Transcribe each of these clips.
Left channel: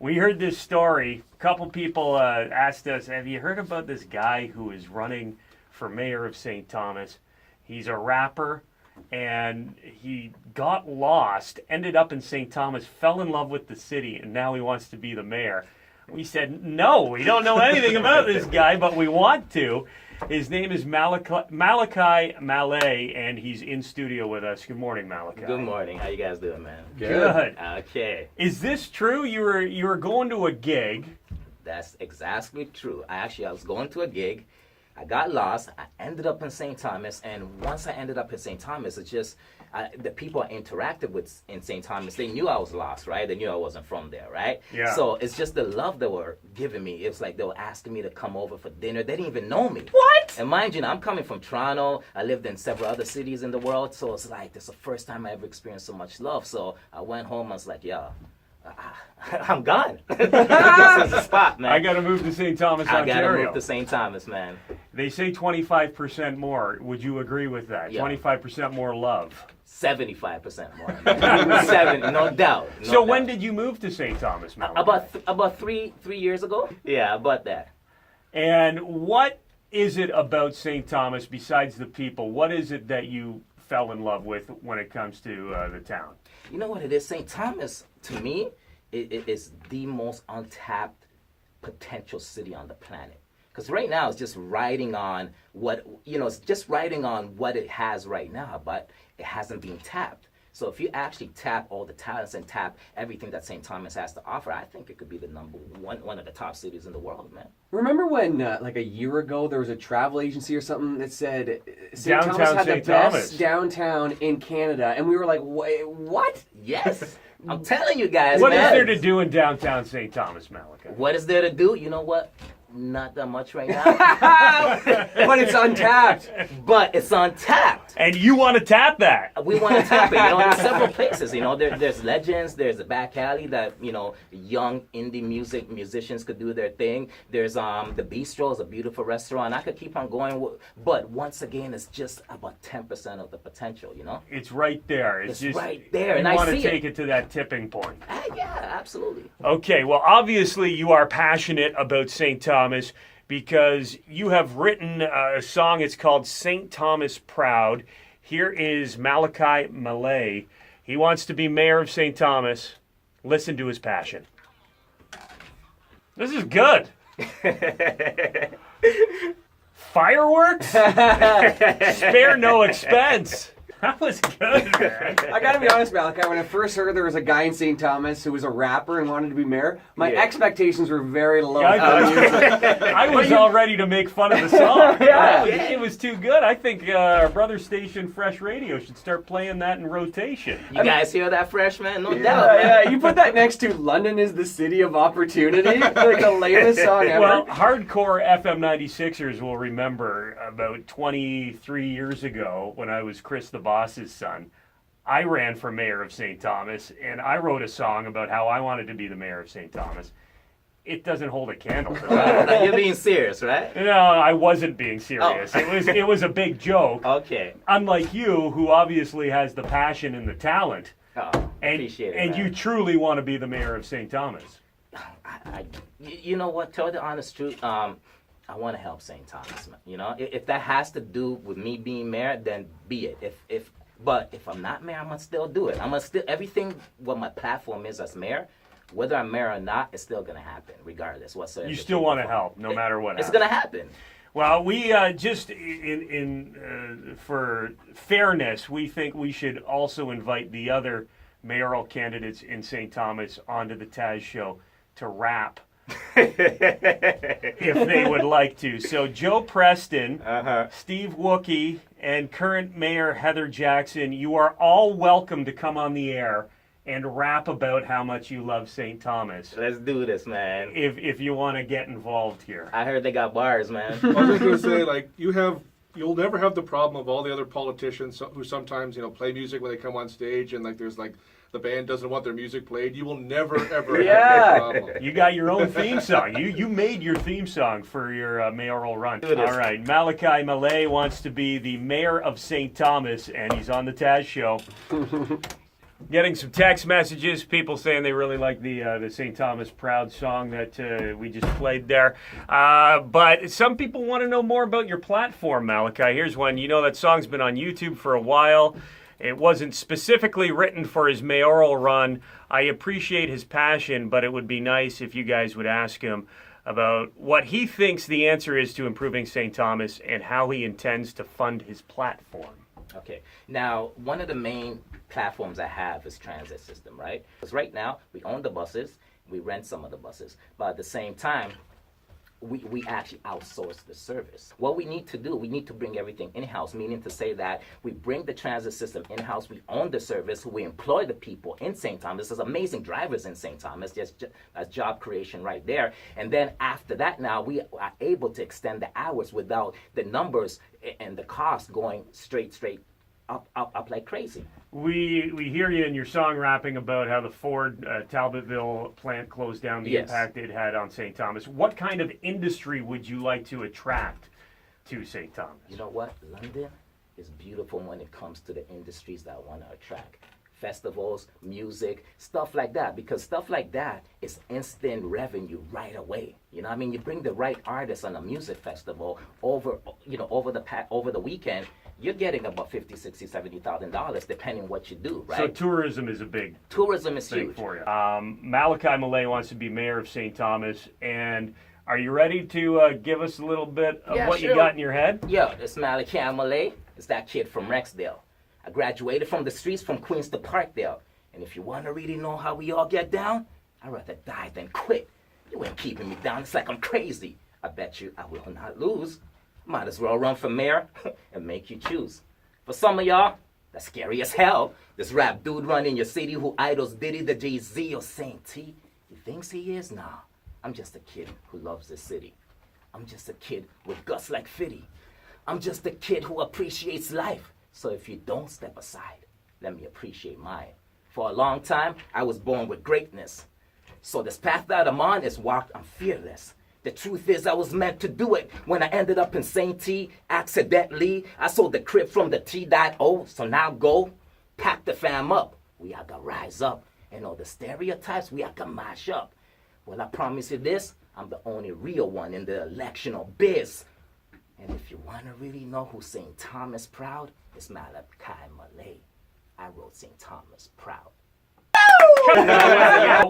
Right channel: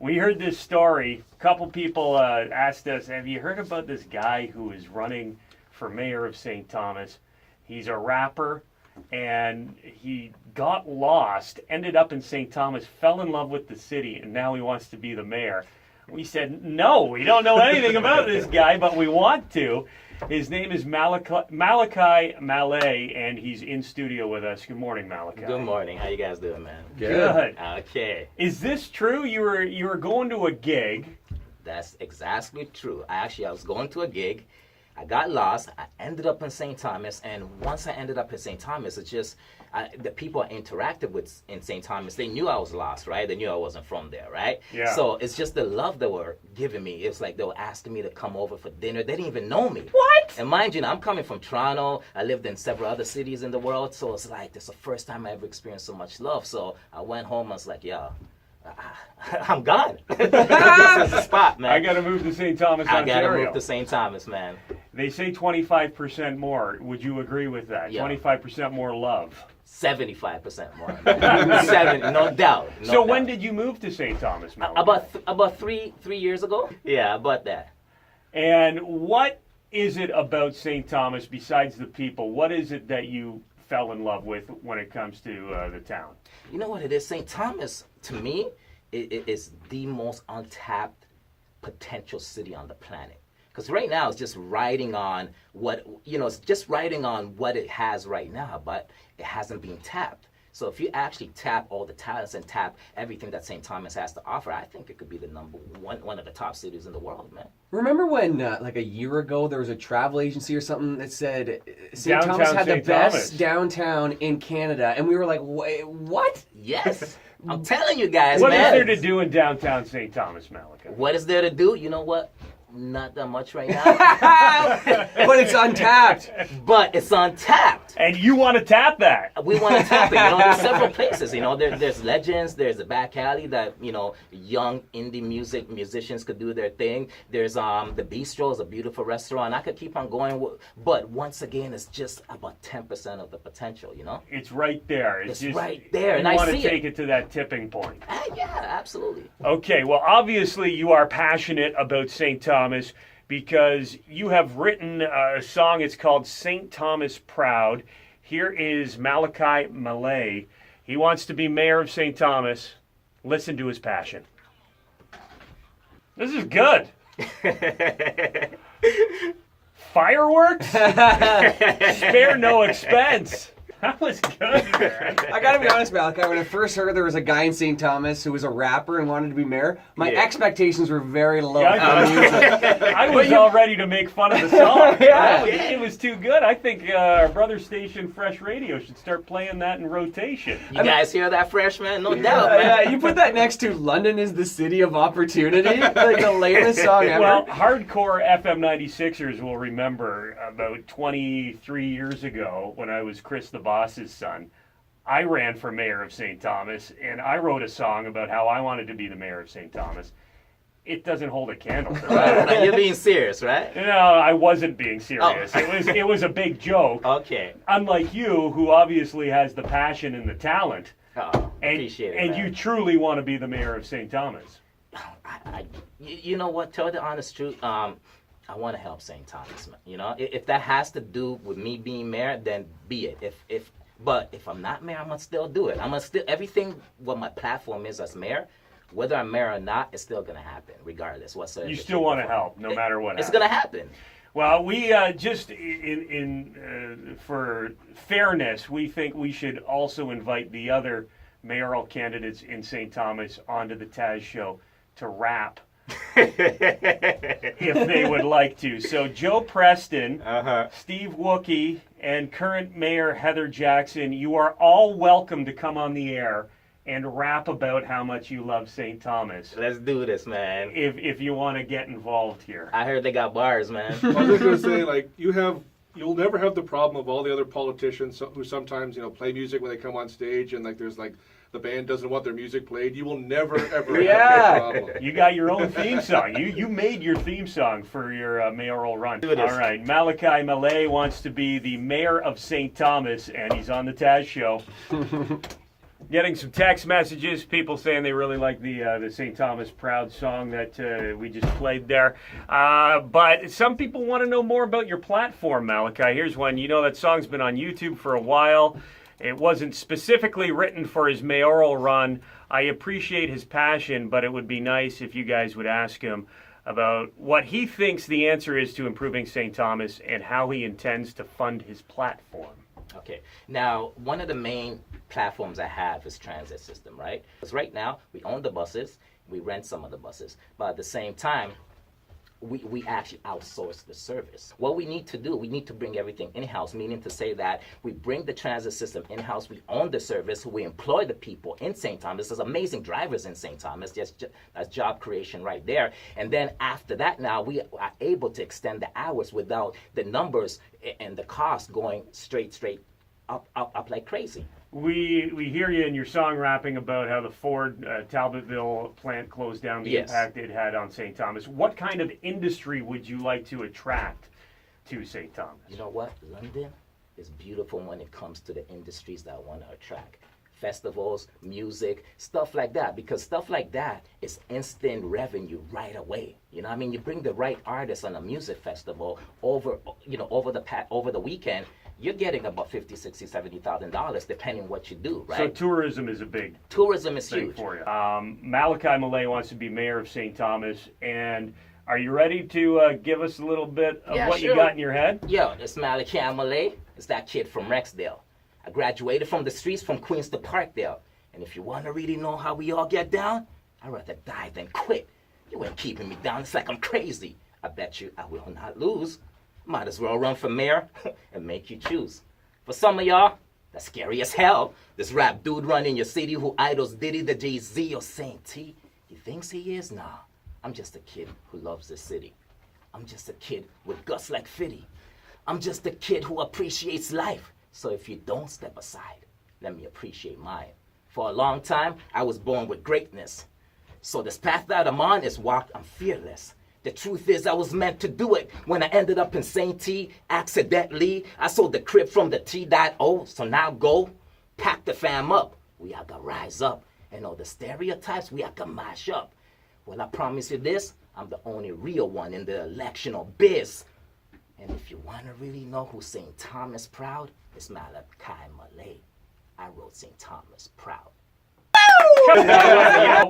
We heard this story. A couple people asked us, have you heard about this guy who is running for mayor of St. Thomas? He's a rapper, and he got lost, ended up in St. Thomas, fell in love with the city, and now he wants to be the mayor. We said, no, we don't know anything about this guy, but we want to. His name is Malichi Malay, and he's in studio with us. Good morning, Malichi. Good morning. How you guys doing, man? Good. Okay. Is this true? You were going to a gig. That's exactly true. I was going to a gig. I got lost. I ended up in St. Thomas, and once I ended up in St. Thomas, it's just the people I interacted with in St. Thomas, they knew I was lost, right? They knew I wasn't from there, right? Yeah. So it's just the love they were giving me. It's like they were asking me to come over for dinner. They didn't even know me. What? And mind you, I'm coming from Toronto. I lived in several other cities in the world, so it's like this is the first time I ever experienced so much love. So I went home. I was like, yo, I'm gone. This is the spot, man. I got to move to St. Thomas, I Ontario. gotta move to St. Thomas, man. They say 25% more. Would you agree with that? Yeah. 25% more love. 75% more. Man. No doubt. No So doubt. when did you move to St. Thomas, Malichi? About three years ago? Yeah, about that. And what is it about St. Thomas besides the people? What is it that you fell in love with when it comes to the town? You know what it is? St. Thomas, to me, it is the most untapped potential city on the planet. Because right now it's just riding on what it has right now, but it hasn't been tapped. So if you actually tap all the talents and tap everything that St. Thomas has to offer, I think it could be the number one of the top cities in the world, man. Remember when, like a year ago, there was a travel agency or something that said St. Downtown Thomas had St. the best Thomas. downtown in Canada, and we were like, wait, what? Yes. I'm telling you guys, What is man. there to do in downtown St. Thomas, Malichi? What is there to do? You know what? Not that much right now. But it's untapped. But it's untapped. And you want to tap that? We want to tap it. There's several places. There's Legends. There's the back alley that young indie musicians could do their thing. There's the Bistro, is a beautiful restaurant. I could keep on going, but once again, it's just about 10% of the potential. It's right there. It's just, right there, and you I want to see take it to that tipping point. Yeah, absolutely. Okay, well, obviously you are passionate about St. Thomas because you have written a song. It's called St. Thomas Proud. Here is Malichi Malay. He wants to be mayor of St. Thomas. Listen to his passion. This is good. Fireworks? Spare no expense. That was good, man. I gotta be honest, Malachi, when I first heard there was a guy in St. Thomas who was a rapper and wanted to be mayor, my expectations were very low. I was all ready to make fun of the song. It was too good. I think our brother station Fresh Radio should start playing that in rotation. You guys hear that, freshman? No doubt, man. Yeah, you put that next to London is the City of Opportunity, like the latest song ever. Well, hardcore FM96ers will remember about 23 years ago when I was Chris the Boss's son. I ran for mayor of St. Thomas, and I wrote a song about how I wanted to be the mayor of St. Thomas. It doesn't hold a candle to that. Now, you're being serious, right? No, I wasn't being serious. Oh. It was a big joke. Okay. Unlike you, who obviously has the passion and the talent. Appreciate it, And man. you truly want to be the mayor of St. Thomas. You know what? Tell the honest truth. I want to help St. Thomas, man. If that has to do with me being mayor, then be it. But if I'm not mayor, I'm gonna still do it. I'm gonna still everything. What my platform is as mayor, whether I'm mayor or not, it's still gonna happen, regardless whatsoever. You still want to help, no matter what happens. It's gonna happen. Well, we just for fairness, we think we should also invite the other mayoral candidates in St. Thomas onto the Taz show to rap. If they would like to. So Joe Preston, Steve Wookie, and current Mayor Heather Jackson, you are all welcome to come on the air and rap about how much you love St. Thomas. Let's do this, man. If you want to get involved here. I heard they got bars, man. I was just going to say, you'll never have the problem of all the other politicians who sometimes, play music when they come on stage and there's the band doesn't want their music played. You will never, ever have that problem. You got your own theme song. You made your theme song for your mayoral run. All right. Malichi Malay wants to be the mayor of St. Thomas, and he's on the Taz show. Getting some text messages, people saying they really like the St. Thomas Proud song that we just played there. But some people want to know more about your platform, Malichi. Here's one. You know that song's been on YouTube for a while. It wasn't specifically written for his mayoral run. I appreciate his passion, but it would be nice if you guys would ask him about what he thinks the answer is to improving St. Thomas and how he intends to fund his platform. Okay. Now, one of the main platforms I have is transit system, right? Because right now, we own the buses, we rent some of the buses, but at the same time, we actually outsource the service. What we need to do, we need to bring everything in-house, meaning to say that we bring the transit system in-house, we own the service, we employ the people in St. Thomas. There's amazing drivers in St. Thomas. That's job creation right there. And then after that now, we are able to extend the hours without the numbers and the cost going straight up like crazy. We hear you in your song rapping about how the Ford Talbotville plant closed down, the impact it had on St. Thomas. What kind of industry would you like to attract to St. Thomas? You know what? London is beautiful when it comes to the industries that I want to attract. Festivals, music, stuff like that, because stuff like that is instant revenue right away. You know what I mean? You bring the right artists on a music festival over the weekend, you're getting about $50,000, $60,000, $70,000 depending what you do, right? So tourism is a big tourism is thing huge for you. Malichi Malay wants to be mayor of St. Thomas, and are you ready to give us a little bit of what you got in your head? Yeah, it's Malichi Malay. It's that kid from Rexdale. I graduated from the streets from Queens to Parkdale. And if you want to really know how we all get down, I'd rather die than quit. You ain't keeping me down. It's like I'm crazy. I bet you I will not lose. Might as well run for mayor and make you choose. For some of y'all, that's scary as hell. This rap dude running your city who idols Diddy, the Jay-Z, or Saint T. He thinks he is? Nah, I'm just a kid who loves the city. I'm just a kid with guts like Fitty. I'm just a kid who appreciates life. So if you don't step aside, let me appreciate mine. For a long time, I was born with greatness. So this path that I'm on is walked, I'm fearless. The truth is I was meant to do it. When I ended up in St. T, accidentally, I sold the crib from the T.O. So now go, pack the fam up. We are gonna rise up. And all the stereotypes, we are gonna mash up. Well, I promise you this, I'm the only real one in the electional biz. And if you wanna really know who St. Thomas proud, it's Malichi Malay. I wrote St. Thomas proud.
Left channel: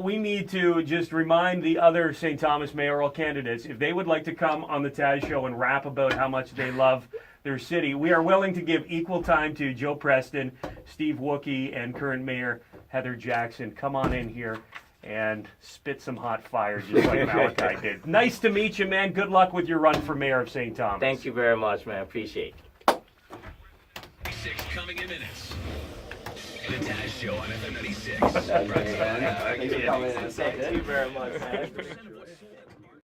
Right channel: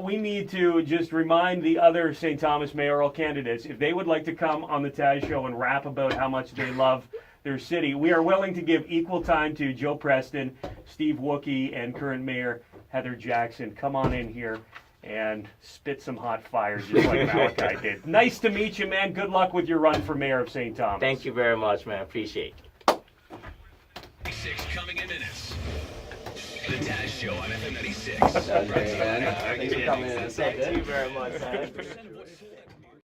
We need to just remind the other St. Thomas mayoral candidates, if they would like to come on the Taz show and rap about how much they love their city, we are willing to give equal time to Joe Preston, Steve Wookie, and current mayor Heather Jackson. Come on in here and spit some hot fire just like Malichi did. Nice to meet you, man. Good luck with your run for mayor of St. Thomas. Thank you very much, man. Appreciate you. 6 coming in minutes. The Taz Show on FM96. Thanks for coming in. Thank you very much, man.